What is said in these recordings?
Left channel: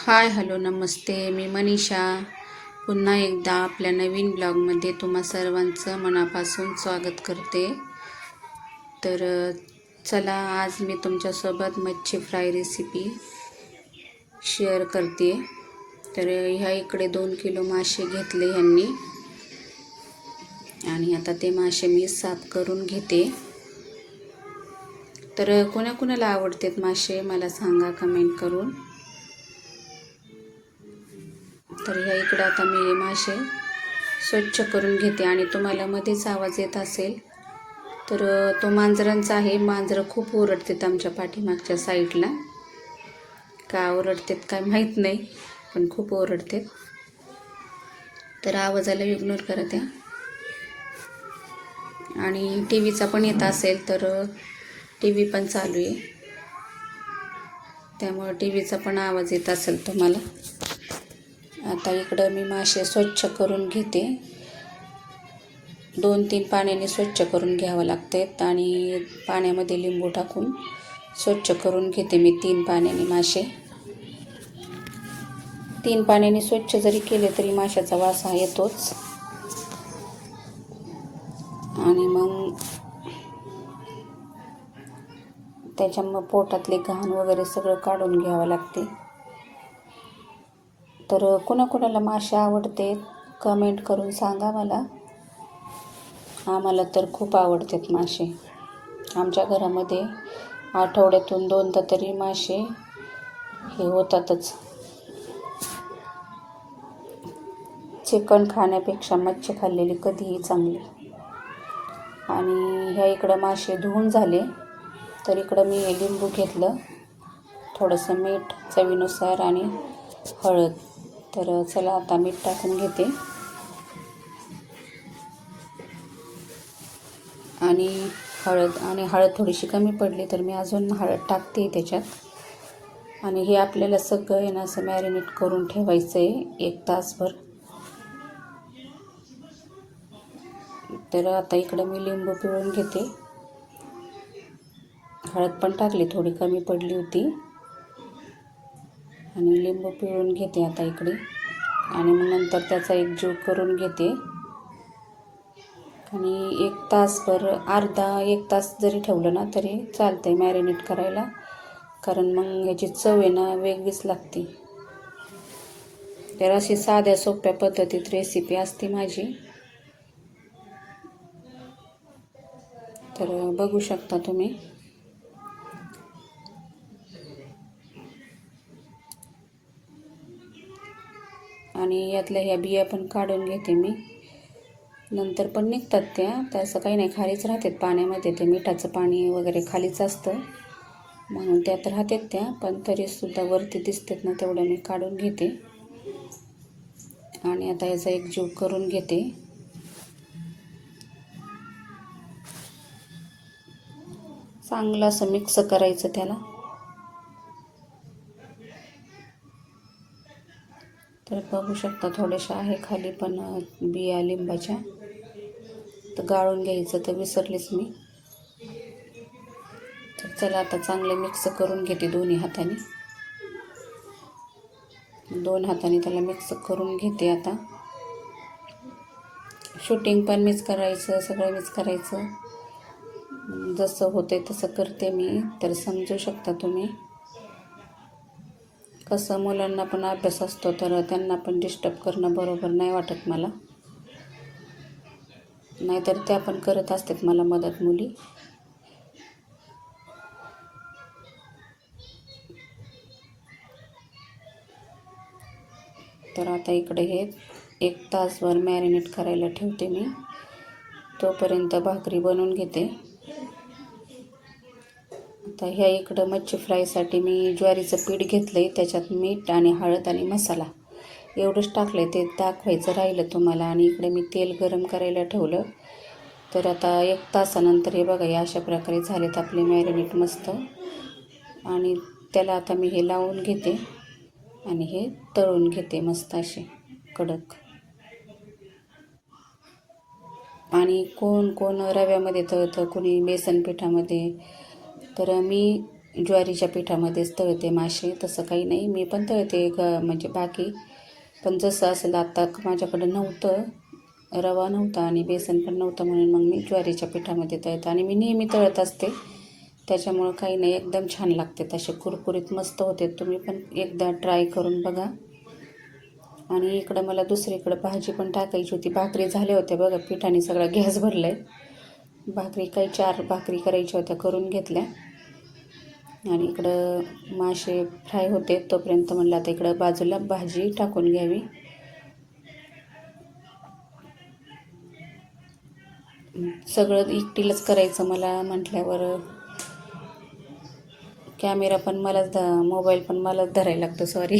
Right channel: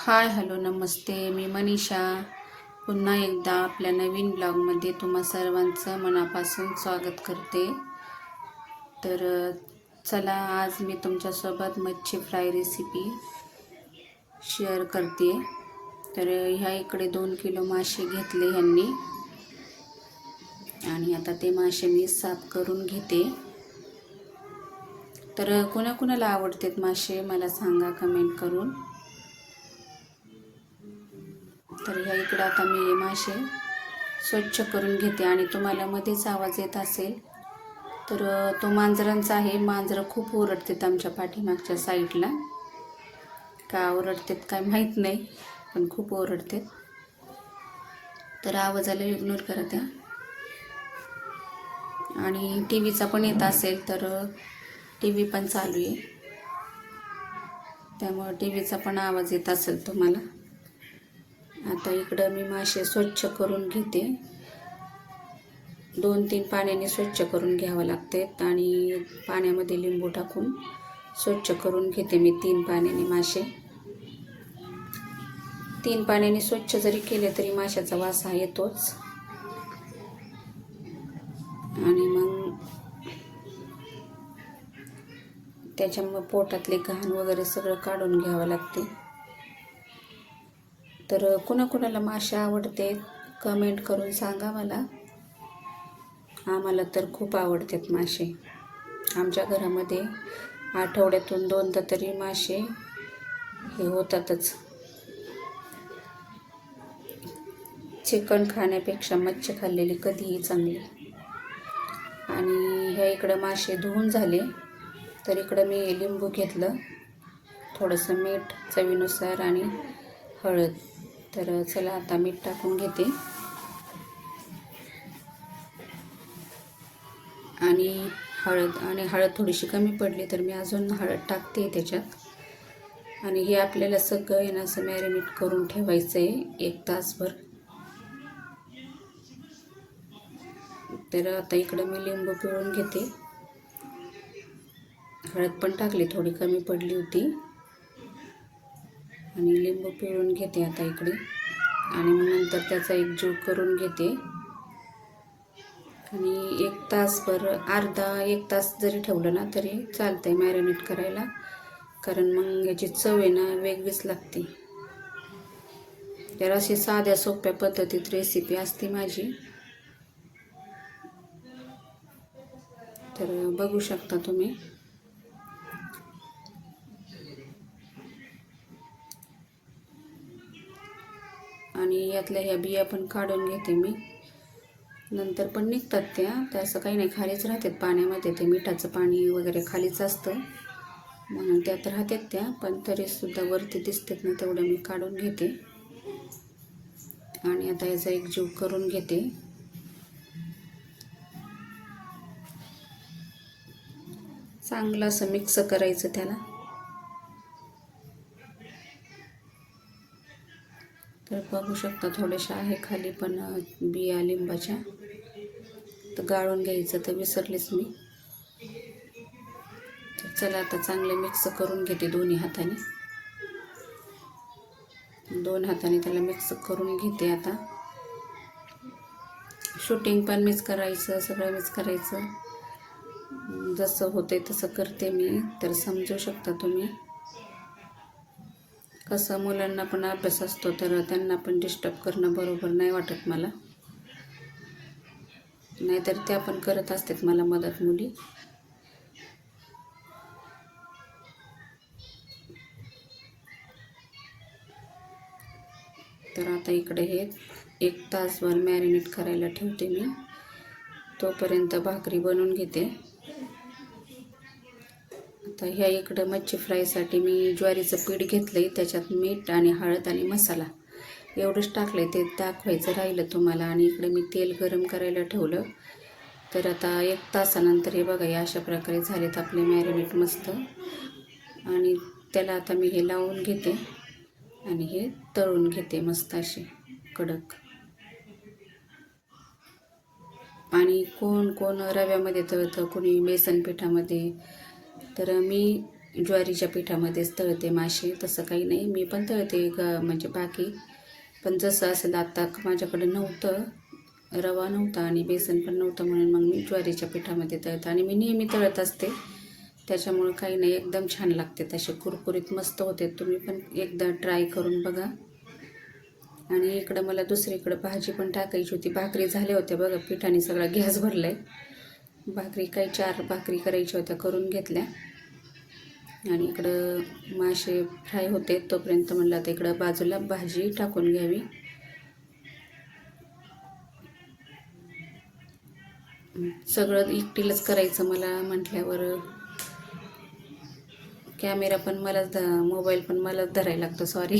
Hi hello नमस्ते. मी मनीषा पुन्हा एकदा आपल्या नवीन ब्लॉगमध्ये तुम्हा सर्वांचं मनापासून स्वागत करते. तर चला आज मी तुमच्यासोबत मच्छी फ्राय रेसिपी शेअर करते. तर ह्या इकडे 2 किलो मासे घेतले ह्यांनी आणि आता ते मासे मी साफ करून घेते. तर कोणाकोणाला आवडतात मासे मला सांगा कमेंट करून. तर ह्या इकडं आता मी मासे स्वच्छ करून घेते आणि तुम्हाला मध्येच आवाज येत असेल तर तो मांजरांचा आहे. मांजरं खूप ओरडतात आमच्या पाठीमागच्या साईडला. का ओरडतात काय माहीत नाही, पण खूप ओरडतात. तर आवाजाला इग्नोर करा त्या. आणि टी व्हीचा पण येत असेल तर टी व्ही पण चालू आहे, त्यामुळे टी व्हीचा पण आवाज येत असेल तुम्हाला. आता इकडं मी मासे स्वच्छ करून घेते. 2-3 पाण्याने स्वच्छ करून घ्यावं लागते आणि पाण्यामध्ये लिंबू टाकून स्वच्छ करून घेते मी 3 पाण्याने मासे. 3 पाण्याने स्वच्छ जरी केले तरी माशाचा वास हा येतोच. आणि मग त्याच्यामुळे पोटातले घाण वगैरे सगळं काढून घ्यावं लागते. तर कुणाकुणाला मासे आवडते कमेंट करून सांगा मला. आम्हाला तर खूप आवडतात मासे. आमच्या घरामध्ये आठवड्यातून 2दा तरी मासे हे होतातच. चिकन खाण्यापेक्षा मच्छी खाल्लेली कधीही चांगली. आणि ह्या इकडं मासे धुवून झाले तर इकडं मी हे लिंबू घेतलं, थोडंसं मीठ चवीनुसार आणि हळद. तर चला आता मीठ टाकून घेते आणि हळद थोडीशी कमी पडली तर मी अजून हळद टाकते त्याच्यात. आणि हे आपल्याला सगळं आहे ना असं मॅरिनेट करून ठेवायचं आहे 1 तासभर. तर आता इकडं मी लिंबू पिळून घेते. हळद पण टाकली, थोडी कमी पडली होती. आणि लिंबू पिळून घेते आता इकडे. आणि मग नंतर त्याचा एक जीव करून घेते. आणि 1 तासभर 1 तास जरी ठेवलं ना तरी चालतंय मॅरिनेट करायला, कारण मग ह्याची चव आहे ना वेगळीच लागते. तर अशी साध्या सोप्या पद्धतीत रेसिपी असते माझी. तर बघू शकता तुम्ही. आणि यातल्या ह्या बिया पण काढून घेते मी. नंतर पण निघतात त्या असं काही नाही, खालीच राहतात पाण्यामध्ये. ते मिठाचं पाणी वगैरे खालीच असतं म्हणून त्यात राहतात त्या, पण तरीसुद्धा वरती दिसतात ना तेवढं मी काढून घेते. आणि आता याचा एक जीव करून घेते. चांगलं असं मिक्स करायचं त्याला. तर बघू शकता थोड्याशा आहे खाली पण बिया लिंबाच्या, तर गाळून घ्यायचं तर विसरलेच मी. तर चला आता चांगले मिक्स करून घेते दोन्ही हाताने. 2 हाताने त्याला मिक्स करून घेते. आता शूटिंग पण मीच करायचं, सगळं मीच करायचं. जसं होतंय तसं करते मी, तर समजू शकता तुम्ही. कसं मुलांना पण अभ्यास असतो तर त्यांना पण डिस्टर्ब करणं बरोबर नाही वाटत मला. नाहीतर त्या पण करत असतात मला मदत मुली. तर आता इकडे हे 1 तासभर मॅरिनेट करायला ठेवते मी. तोपर्यंत भाकरी बनवून घेते. आता ह्या इकडं मच्छी फ्रायसाठी मी ज्वारीचं पीठ घेतलं आहे. त्याच्यात मीठ आणि हळद आणि मसाला एवढंच टाकलं आहे, ते दाखवायचं राहिलं तुम्हाला. आणि इकडे मी तेल गरम करायला ठेवलं. तर आता 1 तासानंतर हे बघा या अशा प्रकारे झालेत आपले मॅरिनेट मस्त. आणि त्याला आता मी हे लावून घेते आणि हे तळून घेते मस्त असे कडक. आणि कोण कोण रव्यामध्ये तळतं, कोणी बेसन पिठामध्ये. तर मी ज्वारीच्या पिठामध्येच तळते मासे, तसं काही नाही. मी पण तळते म्हणजे बाकी, पण जसं असेल आत्ता माझ्याकडं नव्हतं, रवा नव्हता आणि बेसन पण नव्हतं, म्हणून मग मी ज्वारीच्या पिठामध्ये तळते. आणि मी नेहमी तळत असते, त्याच्यामुळं काही नाही, एकदम छान लागते, तसे कुरकुरीत मस्त होते. तुम्ही पण एकदा ट्राय करून बघा. आणि इकडं मला दुसरीकडं भाजी पण टाकायची होती. भाकरी झाल्या होत्या बघा, पिठाने सगळा गॅस भरला आहे. भाकरी काही 4 भाकरी करायच्या होत्या, करून घेतल्या. आणि इकडं मासे फ्राय होते, तोपर्यंत म्हणलं आता इकडं बाजूला भाजी टाकून घ्यावी. सगळं एकटीलाच करायचं मला म्हटल्यावर कॅमेरा पण मलाच मोबाईल पण मलाच धरायला लागतो, सॉरी.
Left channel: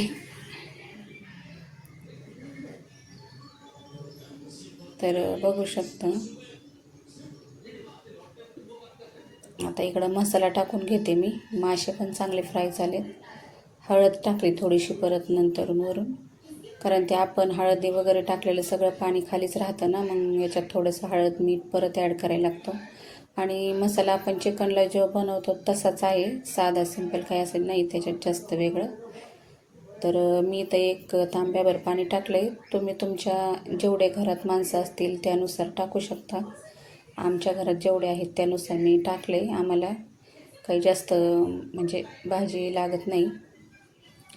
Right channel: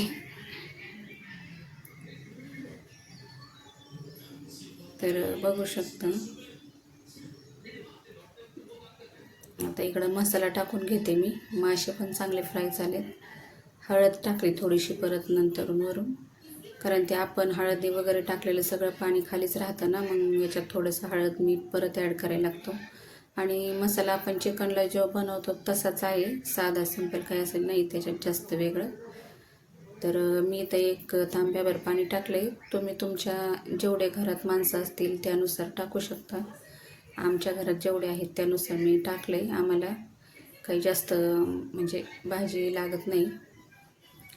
तर बघू शकता, आता इकडं मसाला टाकून घेते मी. मासे पण चांगले फ्राय झालेत. हळद टाकली थोडीशी परत नंतरून वरून, कारण ते आपण हळदी वगैरे टाकलेलं सगळं पाणी खालीच राहतं ना, मग याच्यात थोडंसं हळद मीठ परत ॲड करायला लागतं. आणि मसाला आपण चिकनला जो बनवतो तसाच आहे, साधा सिंपल, काय असं नाही त्याच्यात जास्त वेगळं. तर मी तर 1 तांब्याभर पाणी टाकलं आहे. तुम्ही तुमच्या जेवढे घरात माणसं असतील त्यानुसार टाकू शकता. आमच्या घरात जेवढे आहेत त्यानुसार मी टाकले. आम्हाला काही जास्त म्हणजे भाजी लागत नाही.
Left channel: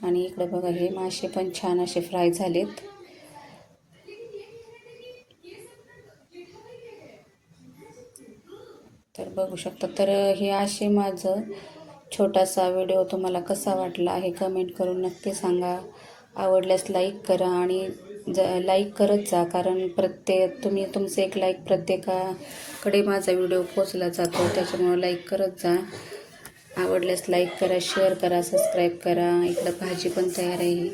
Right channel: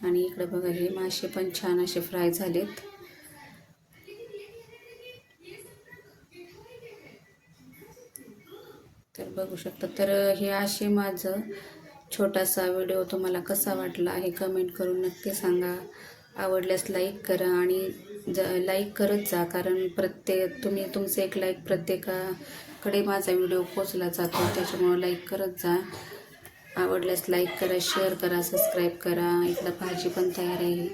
आणि इकडं बघा, हे मासे पण छान असे फ्राय झालेत. तर बघू शकता. तर हे असे माझं छोटासा व्हिडिओ तुम्हाला कसा वाटला आहे कमेंट करून नक्की सांगा. आवडल्यास लाईक करा आणि लाईक करत जा, कारण तुम्ही तुमचं एक लाईक प्रत्येकाकडे माझा व्हिडिओ पोचला जातो, त्याच्यामुळं लाईक करत जा. आवडल्यास लाईक करा, शेअर करा, सबस्क्राईब करा. इकडं भाजी पण तयार आहे.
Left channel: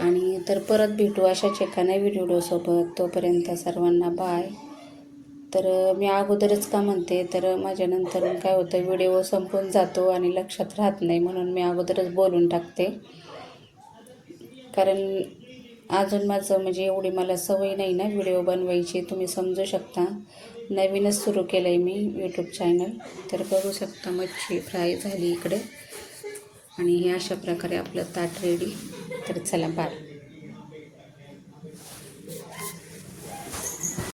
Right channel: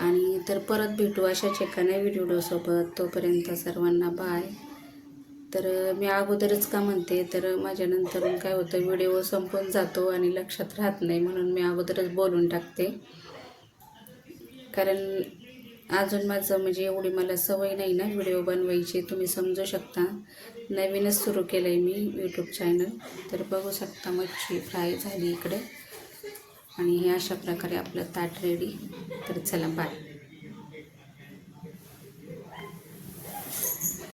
आणि तर परत भेटू अशाच एका नवीन व्हिडिओसोबत. तोपर्यंत सर्वांना बाय. तर मी अगोदरच का म्हणते, तर माझ्यानंतर काय होतं, व्हिडिओ संपून जातो आणि लक्षात राहत नाही, म्हणून मी अगोदरच बोलून टाकते. कारण अजून माझं म्हणजे एवढी मला सवय नाही ना व्हिडिओ बनवायची, तुम्ही समजू शकता. नवीनच सुरू केलं आहे मी यूट्यूब चॅनल. तर बघू शकता, मच्छी फ्राय झाली इकडे आणि हे अशा प्रकारे आपलं ताट रेडी. तर चला, बाय.